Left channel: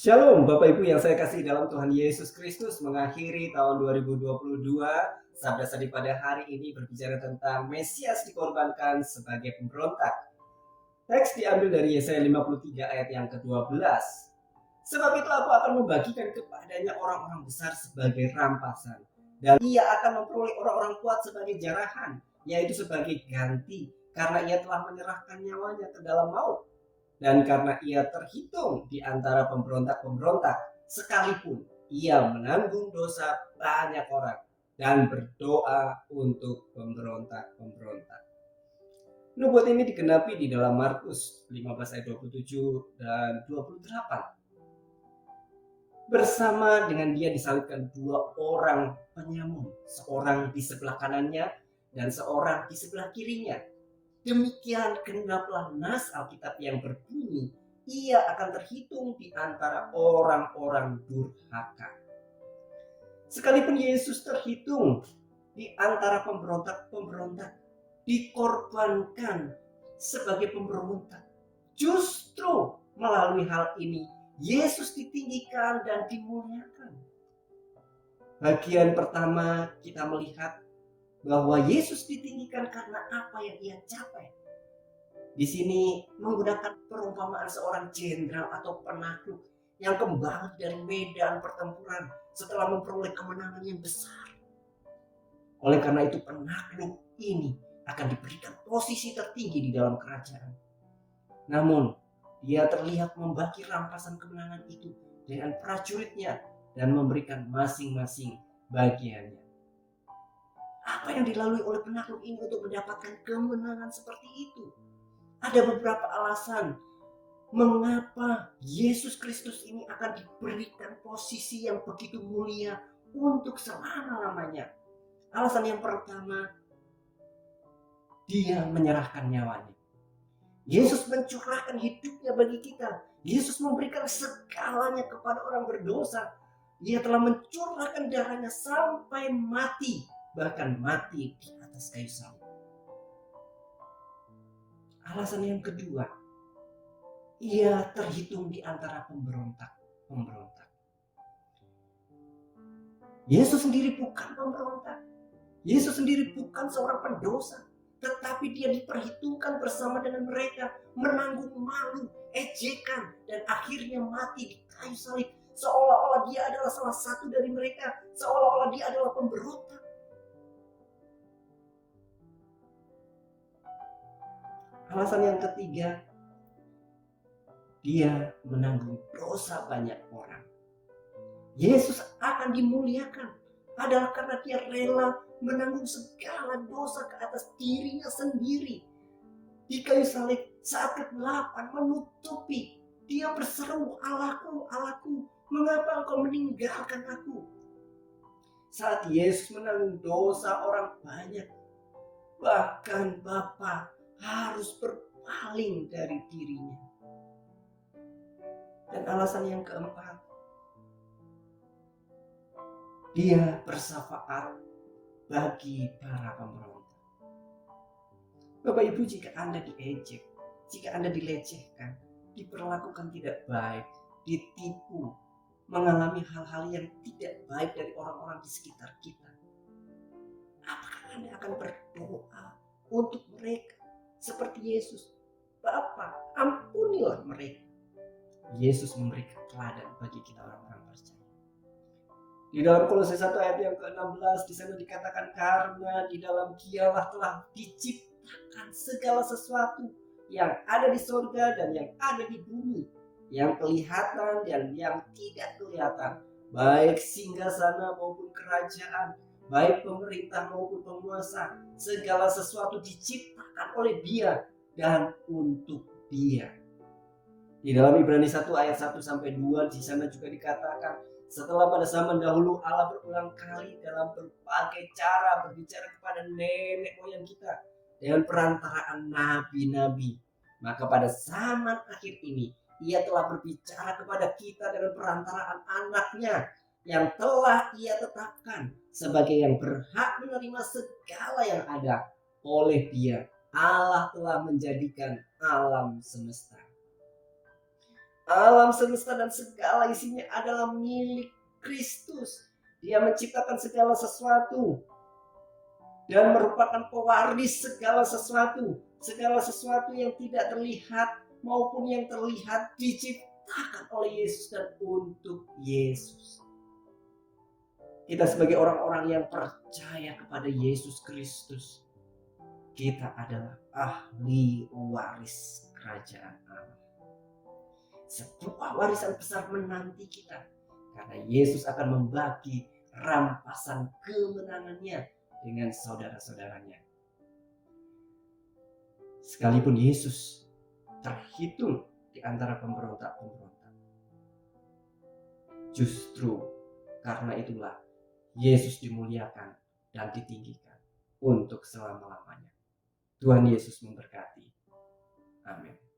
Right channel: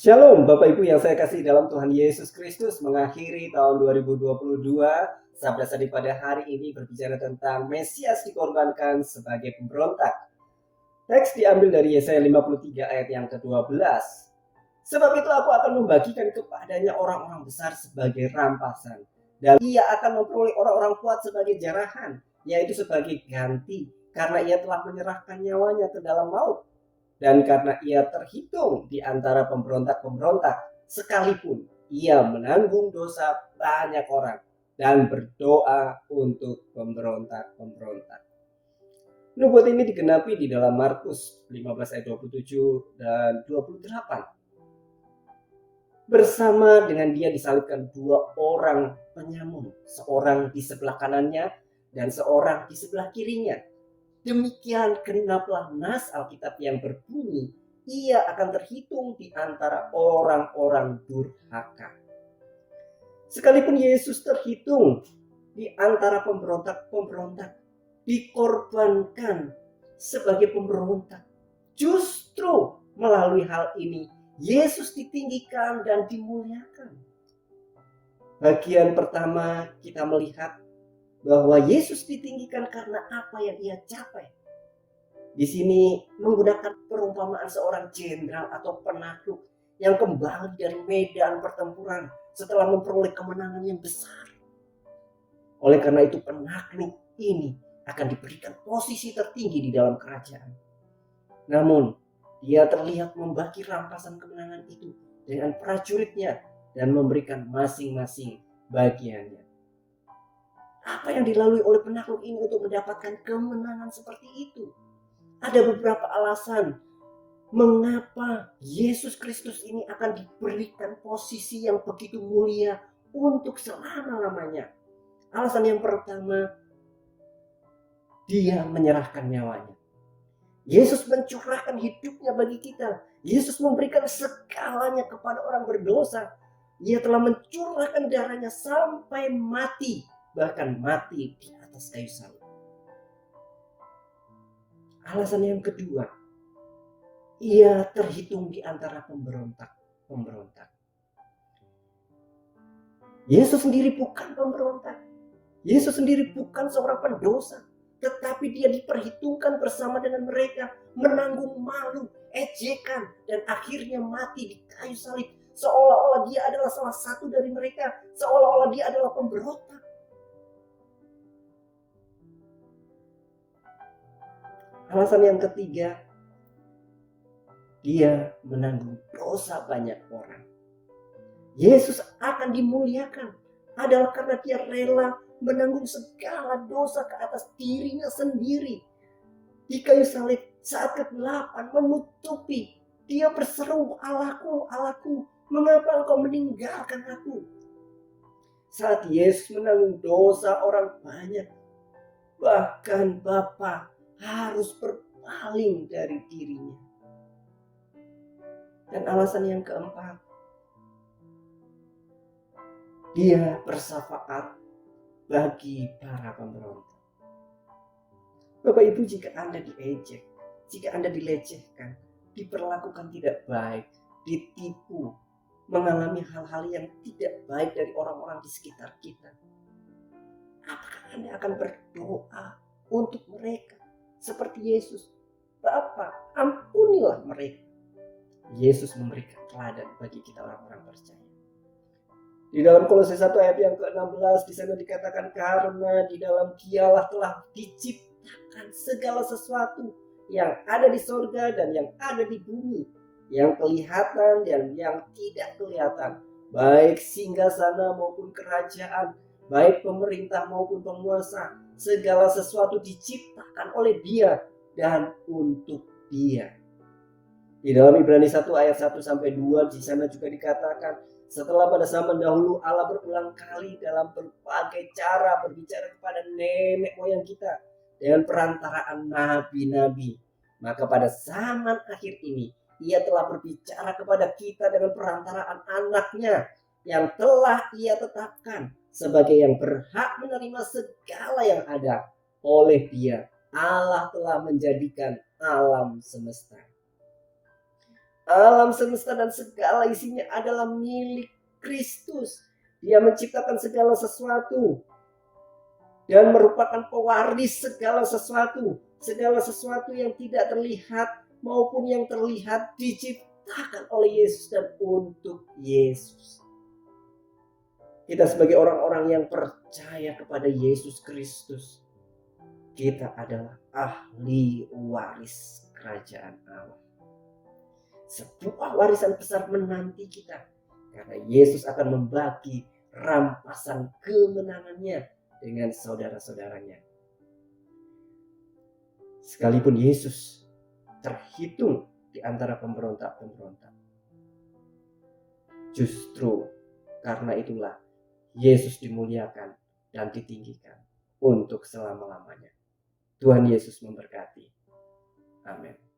Shalom Bapak Ibu yang saya kasih dalam Tuhan Yesus Kristus, mengakhiri tahun 2022. Sabda Sadi pada hari ini berbicara tentang Mesias dikorbankan sebagai pemberontak. Teks diambil dari Yesaya 53 ayat yang ke-12. Sebab itu aku akan membagikan kepadanya orang-orang besar sebagai rampasan, dan ia akan memperoleh orang-orang kuat sebagai jarahan, yaitu sebagai ganti, karena ia telah menyerahkan nyawanya ke dalam maut. Dan karena ia terhitung di antara pemberontak-pemberontak, sekalipun ia menanggung dosa banyak orang dan berdoa untuk pemberontak-pemberontak. Nubuat ini digenapi di dalam Markus 15 ayat 27 dan 28. Bersama dengan dia disalibkan dua orang penyamun, seorang di sebelah kanannya dan seorang di sebelah kirinya. Demikian genaplah nas Alkitab yang berbunyi, ia akan terhitung di antara orang-orang durhaka. Sekalipun Yesus terhitung di antara pemberontak-pemberontak, dikorbankan sebagai pemberontak, justru melalui hal ini Yesus ditinggikan dan dimuliakan. Bagian pertama kita melihat bahwa Yesus ditinggikan karena apa yang ia capai. Di sini menggunakan perumpamaan seorang jenderal atau penakluk yang kembali dari medan pertempuran setelah memperoleh kemenangan yang besar. Oleh karena itu penakluk ini akan diberikan posisi tertinggi di dalam kerajaan. Namun dia terlihat membagi rampasan kemenangan itu dengan prajuritnya dan memberikan masing-masing bagiannya. Apa yang dilalui oleh penakluk ini untuk mendapatkan kemenangan seperti itu? Ada beberapa alasan mengapa Yesus Kristus ini akan diberikan posisi yang begitu mulia untuk selama-lamanya. Alasan yang pertama, dia menyerahkan nyawanya. Yesus mencurahkan hidupnya bagi kita. Yesus memberikan segalanya kepada orang berdosa. Ia telah mencurahkan darahnya sampai mati, bahkan mati di atas kayu salib. Alasan yang kedua, ia terhitung di antara pemberontak. Yesus sendiri bukan pemberontak. Yesus sendiri bukan seorang pendosa, tetapi dia diperhitungkan bersama dengan mereka, menanggung malu, ejekan, dan akhirnya mati di kayu salib. Seolah-olah dia adalah salah satu dari mereka, seolah-olah dia adalah pemberontak. Alasan yang ketiga, dia menanggung dosa banyak orang. Yesus akan dimuliakan adalah karena dia rela menanggung segala dosa ke atas dirinya sendiri. Di kayu salib saat kegelapan menutupi, dia berseru, "Allahku, Allahku, mengapa engkau meninggalkan aku?" Saat Yesus menanggung dosa orang banyak, bahkan Bapa harus berpaling dari dirinya. Dan alasan yang keempat, dia bersafaat bagi para pemberontak. Bapak Ibu, jika Anda diejek, jika Anda dilecehkan, diperlakukan tidak baik, ditipu, mengalami hal-hal yang tidak baik dari orang-orang di sekitar kita, apakah Anda akan berdoa untuk mereka seperti Yesus? Bapa, ampunilah mereka. Yesus memberikan teladan bagi kita orang-orang percaya. Di dalam Kolose 1 ayat yang ke-16 di sana dikatakan, karena di dalam Dialah telah diciptakan segala sesuatu yang ada di surga dan yang ada di bumi, yang kelihatan dan yang tidak kelihatan, baik singgasana maupun kerajaan, baik pemerintah maupun penguasa, segala sesuatu diciptakan oleh Dia dan untuk Dia. Di dalam Ibrani 1 ayat 1 sampai 2 di sana juga dikatakan, setelah pada zaman dahulu Allah berulang kali dalam berbagai cara berbicara kepada nenek moyang kita dengan perantaraan nabi-nabi, maka pada zaman akhir ini Ia telah berbicara kepada kita dengan perantaraan anaknya yang telah Ia tetapkan sebagai yang berhak menerima segala yang ada. Oleh Dia Allah telah menjadikan alam semesta. Alam semesta dan segala isinya adalah milik Kristus. Dia menciptakan segala sesuatu dan merupakan pewaris segala sesuatu. Segala sesuatu yang tidak terlihat maupun yang terlihat diciptakan oleh Yesus dan untuk Yesus. Kita sebagai orang-orang yang percaya kepada Yesus Kristus, kita adalah ahli waris kerajaan Allah. Sebuah warisan besar menanti kita, karena Yesus akan membagi rampasan kemenangannya dengan saudara-saudaranya. Sekalipun Yesus terhitung di antara pemberontak-pemberontak, justru karena itulah Yesus dimuliakan dan ditinggikan untuk selama-lamanya. Tuhan Yesus memberkati. Amin.